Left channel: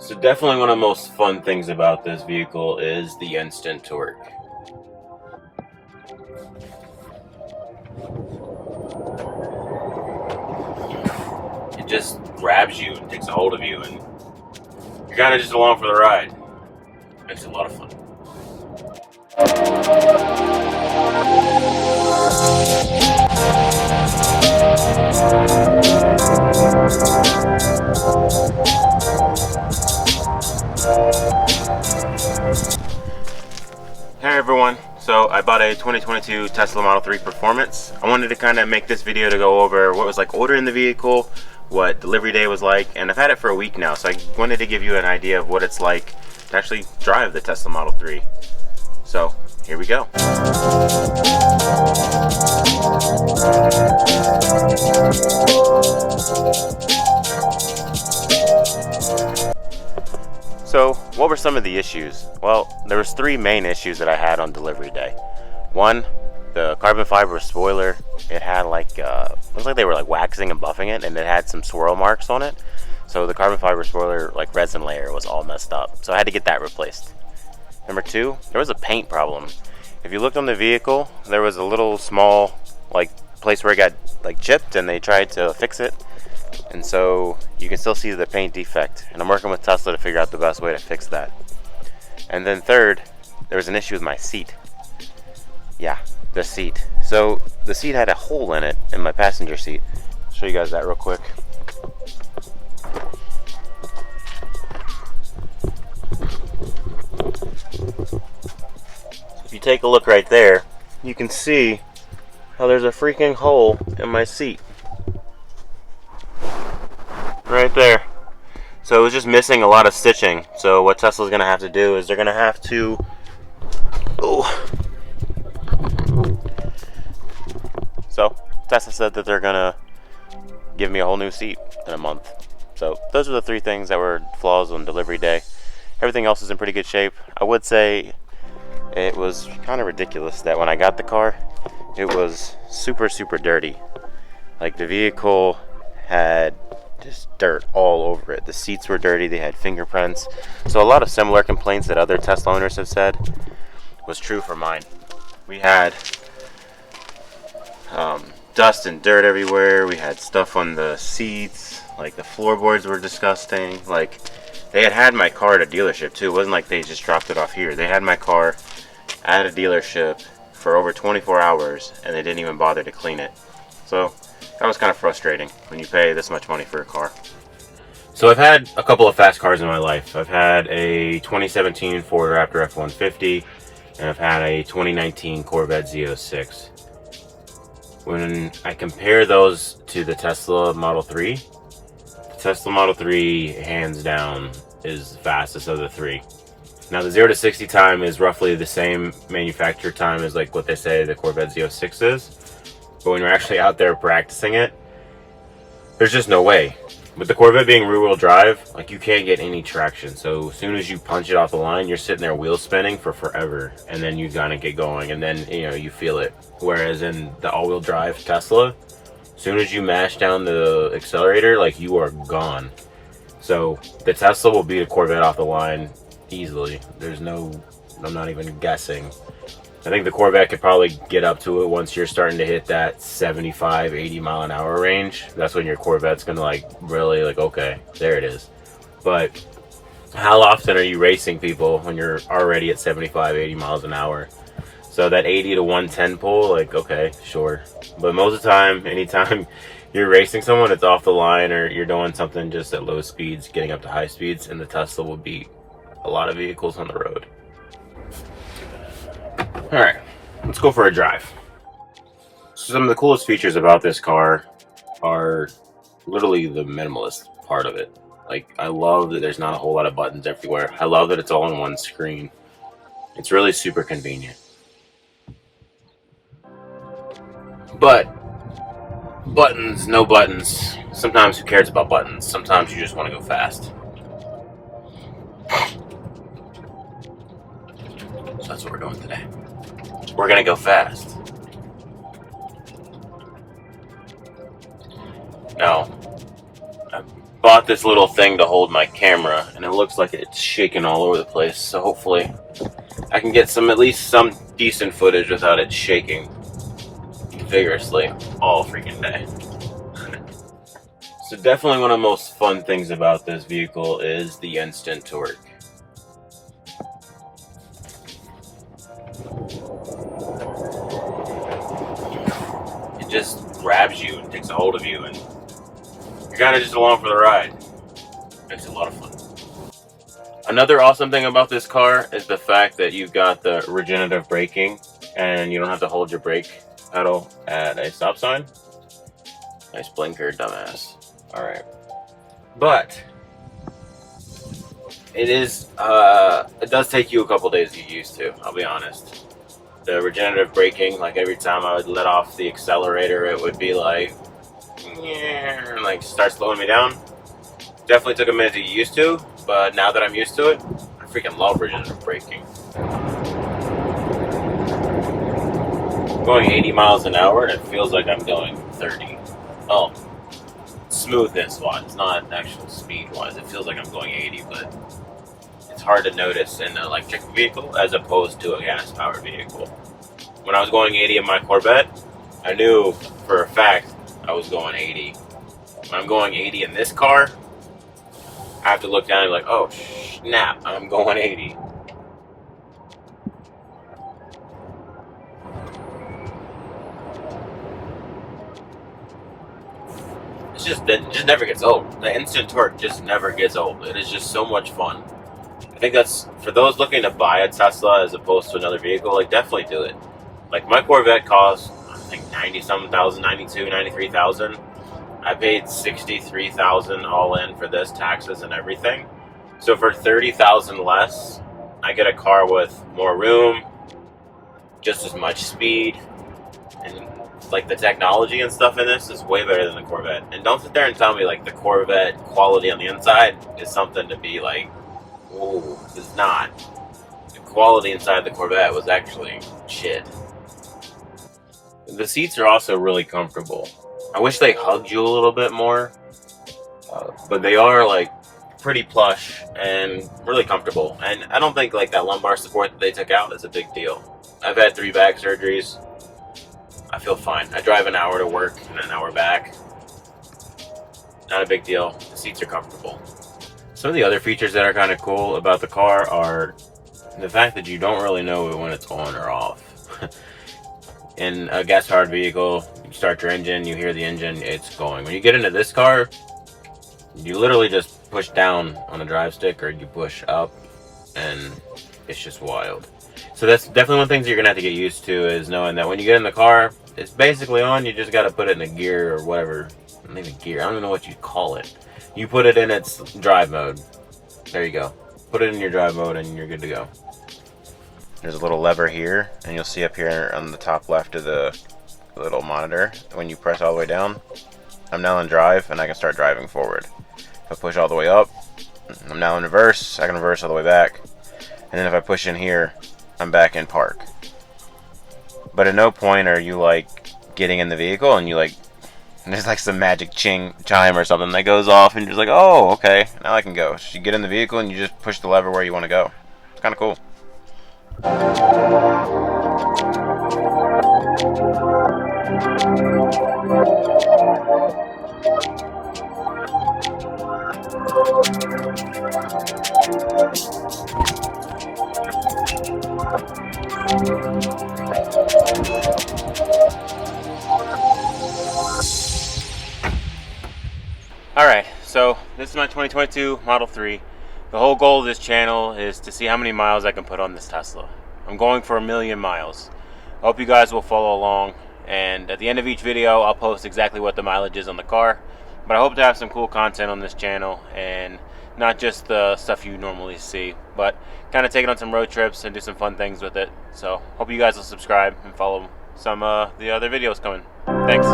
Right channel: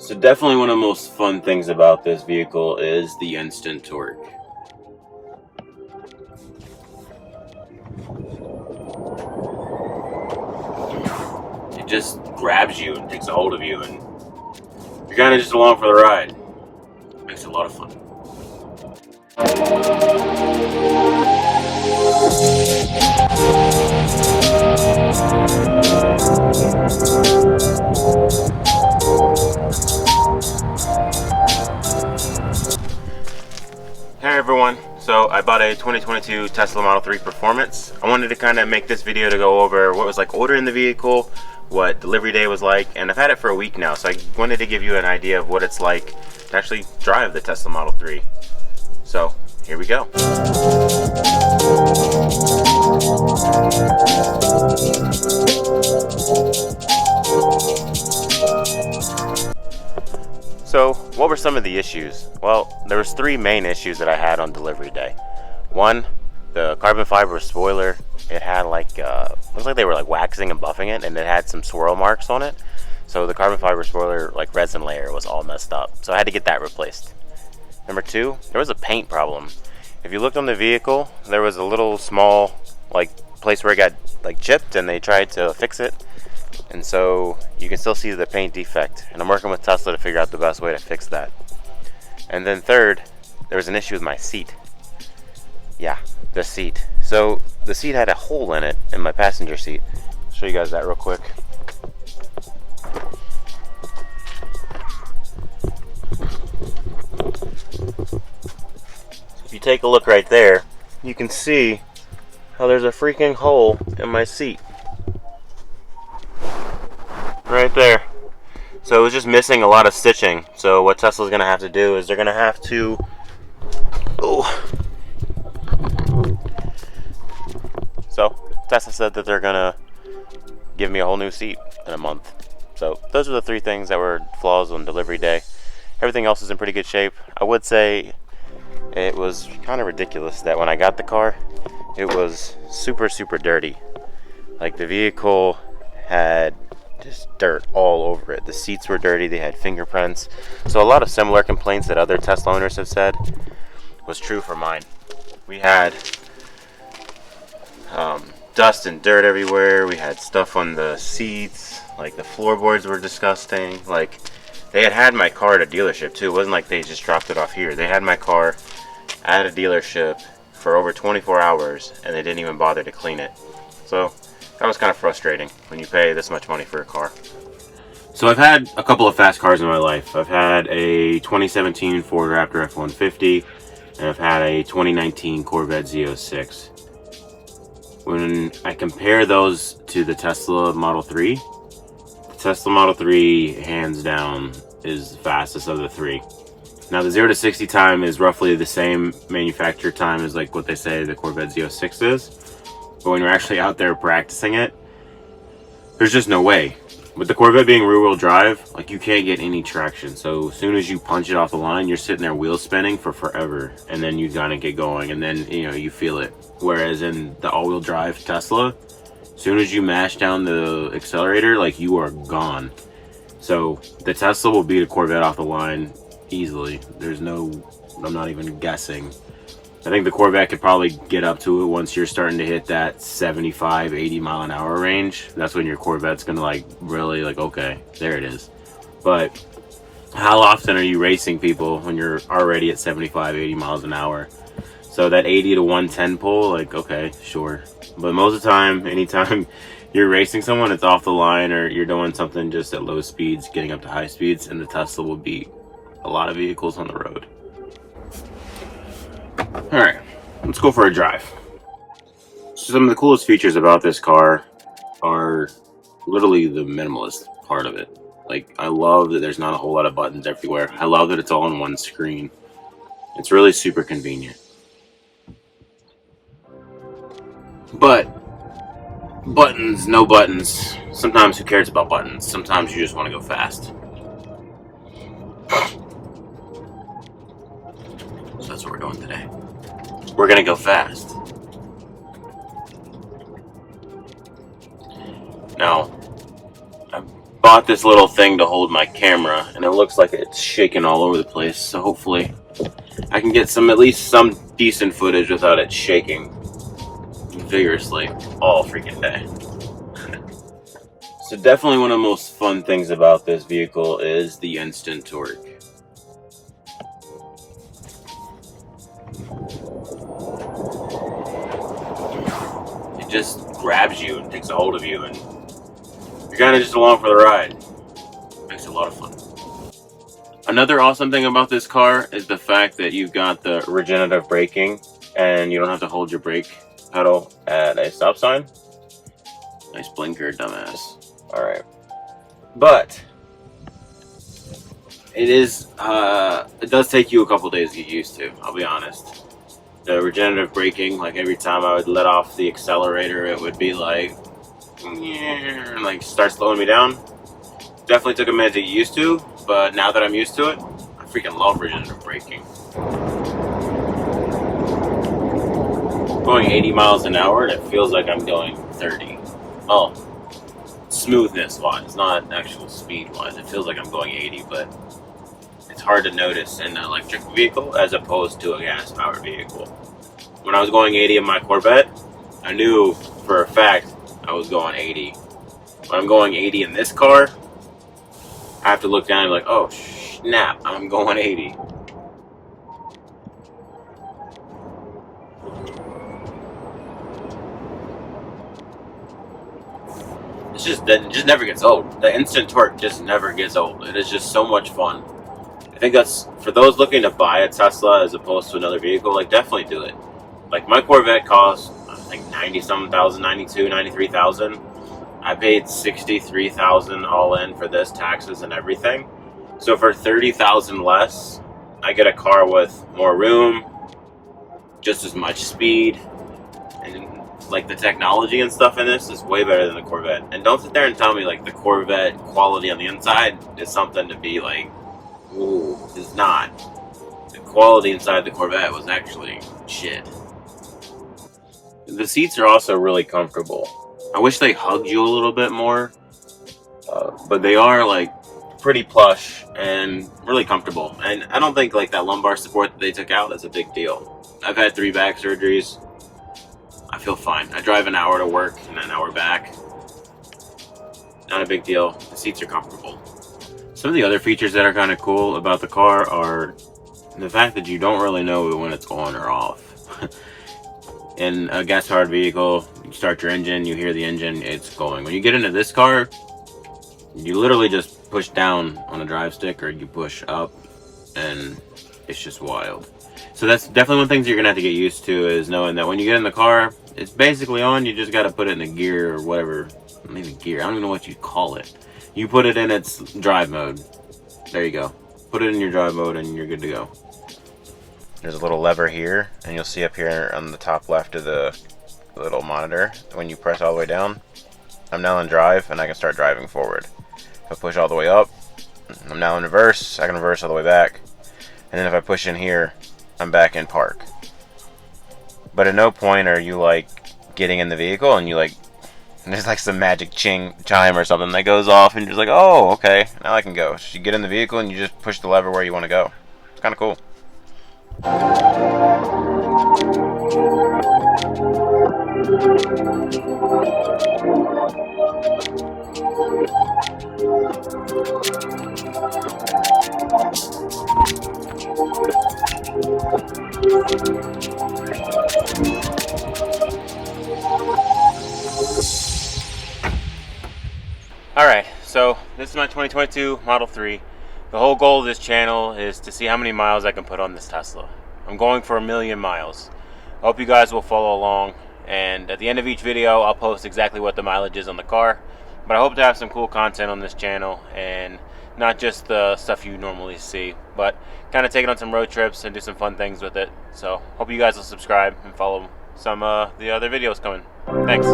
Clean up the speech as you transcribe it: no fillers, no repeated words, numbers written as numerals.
So definitely one of the most fun things about this vehicle is the instant torque. It just grabs you and takes a hold of you, and you're kind of just along for the ride. Makes it a lot of fun. Hey everyone, so I bought a 2022 Tesla Model 3 Performance. I wanted to kind of make this video to go over what was like ordering the vehicle, what delivery day was like, and I've had it for a week now, so I wanted to give you an idea of what it's like to actually drive the Tesla Model 3. So here we go. So what were some of the issues? Well, there was three main issues that I had on delivery day. One, the carbon fiber spoiler, it had like, looks like they were like waxing and buffing it, and it had some swirl marks on it. So the carbon fiber spoiler, like resin layer, was all messed up. So I had to get that replaced. Number two, there was a paint problem. If you looked on the vehicle, there was a little small like place where it got like chipped, and they tried to fix it. And so you can still see the paint defect, and I'm working with Tesla to figure out the best way to fix that. And then third, there was an issue with my seat. Yeah, the seat. So the seat had a hole in it in my passenger seat. I'll show you guys that real quick. If you take a look right there, you can see how there's a freaking hole in my seat. Right there. So it was just missing a lot of stitching. So what Tesla's gonna have to do is they're gonna have to So Tesla said that they're gonna give me a whole new seat in a month. So those are the three things that were flaws on delivery day. Everything else is in pretty good shape. I would say it was kind of ridiculous that when I got the car, it was super dirty. Like the vehicle had just dirt all over it. The seats were dirty, they had fingerprints. So a lot of similar complaints that other Tesla owners have said was true for mine. We had dust and dirt everywhere. We had stuff on the seats. Like the floorboards were disgusting. Like they had my car at a dealership too. It wasn't like they just dropped it off here. They had my car at a dealership for over 24 hours and they didn't even bother to clean it. So that was kind of frustrating when you pay this much money for a car. So I've had a couple of fast cars in my life. I've had a 2017 Ford Raptor F-150 and I've had a 2019 Corvette Z06. When I compare those to the Tesla Model 3, the Tesla Model 3 hands down is the fastest of the three. Now the 0 to 60 time is roughly the same manufacturer time as like what they say the Corvette Z06 is. But when you're actually out there practicing it, there's just no way. With the Corvette being rear-wheel drive, like you can't get any traction. So as soon as you punch it off the line, you're sitting there wheel spinning for forever, and then you gotta get going, and then you feel it. Whereas in the all-wheel drive Tesla, as soon as you mash down the accelerator, like you are gone. So the Tesla will beat a Corvette off the line easily. I'm not even guessing. I think the Corvette could probably get up to it once you're starting to hit that 75, 80 mile an hour range. That's when your Corvette's gonna like really like, okay, there it is. But how often are you racing people when you're already at 75, 80 miles an hour? So that 80 to 110 pull, like, okay, sure. But most of the time, anytime you're racing someone, it's off the line or you're doing something just at low speeds, getting up to high speeds, and the Tesla will beat a lot of vehicles on the road. Alright, let's go for a drive. Some of the coolest features about this car are literally the minimalist part of it. Like, I love that there's not a whole lot of buttons everywhere. I love that it's all on one screen. It's really super convenient. But buttons, no buttons. Sometimes who cares about buttons? Sometimes you just want to go fast. So that's what we're doing today. We're gonna go fast. Now, I bought this little thing to hold my camera, and it looks like it's shaking all over the place, so hopefully I can get at least some decent footage without it shaking vigorously all freaking day. So definitely one of the most fun things about this vehicle is the instant torque. It just grabs you and takes a hold of you, and you're kind of just along for the ride. Makes it a lot of fun. Another awesome thing about this car is the fact that you've got the regenerative braking, and you don't have to hold your brake pedal at a stop sign. Nice blinker, dumbass. Alright. But it does take you a couple days to get used to, I'll be honest. The regenerative braking, like every time I would let off the accelerator, it would be like, yeah, and like start slowing me down. Definitely took a minute to get used to, but now that I'm used to it, I freaking love regenerative braking. Going 80 miles an hour and it feels like I'm going 30. Oh, smoothness wise, not actual speed wise. It feels like I'm going 80, but it's hard to notice in an electric vehicle as opposed to a gas powered vehicle. When I was going 80 in my Corvette, I knew for a fact I was going 80. When I'm going 80 in this car, I have to look down and be like, oh snap, I'm going 80. It just never gets old. The instant torque just never gets old. It is just so much fun. I think that's, for those looking to buy a Tesla as opposed to another vehicle, like definitely do it. Like my Corvette cost, I think 90-something thousand, 92, 93,000. I paid 63,000 all in for this, taxes and everything. So for 30,000 less, I get a car with more room, just as much speed, and like the technology and stuff in this is way better than the Corvette. And don't sit there and tell me like the Corvette quality on the inside is something to be like, ooh, it's not. The quality inside the Corvette was actually shit. The seats are also really comfortable. I wish they hugged you a little bit more, but they are like pretty plush and really comfortable. And I don't think like that lumbar support that they took out is a big deal. I've had 3 back surgeries. I feel fine. I drive an hour to work and an hour back. Not a big deal. The seats are comfortable. Some of the other features that are kind of cool about the car are the fact that you don't really know when it's on or off. In a gas-powered vehicle, you start your engine, you hear the engine, it's going. When you get into this car, you literally just push down on a drive stick or you push up, and it's just wild. So that's definitely one of the things you're going to have to get used to, is knowing that when you get in the car, it's basically on, you just got to put it in a gear or whatever. Not even gear, I don't even know what you call it. You put it in its drive mode. There you go. Put it in your drive mode and you're good to go. There's a little lever here, and you'll see up here on the top left of the little monitor, when you press all the way down, I'm now in drive and I can start driving forward. If I push all the way up, I'm now in reverse, I can reverse all the way back. And then if I push in here, I'm back in park. But at no point are you like getting in the vehicle and you like, there's like some magic chime or something that goes off and you're just like, oh, okay, now I can go. So you get in the vehicle and you just push the lever where you want to go. It's kind of cool. Alright, so this is my 2022 Model 3. The whole goal of this channel is to see how many miles I can put on this Tesla. I'm going for 1 million miles. I hope you guys will follow along, and at the end of each video I'll post exactly what the mileage is on the car. But I hope to have some cool content on this channel, and not just the stuff you normally see, but kind of take it on some road trips and do some fun things with it. So hope you guys will subscribe and follow some of the other videos coming. Thanks.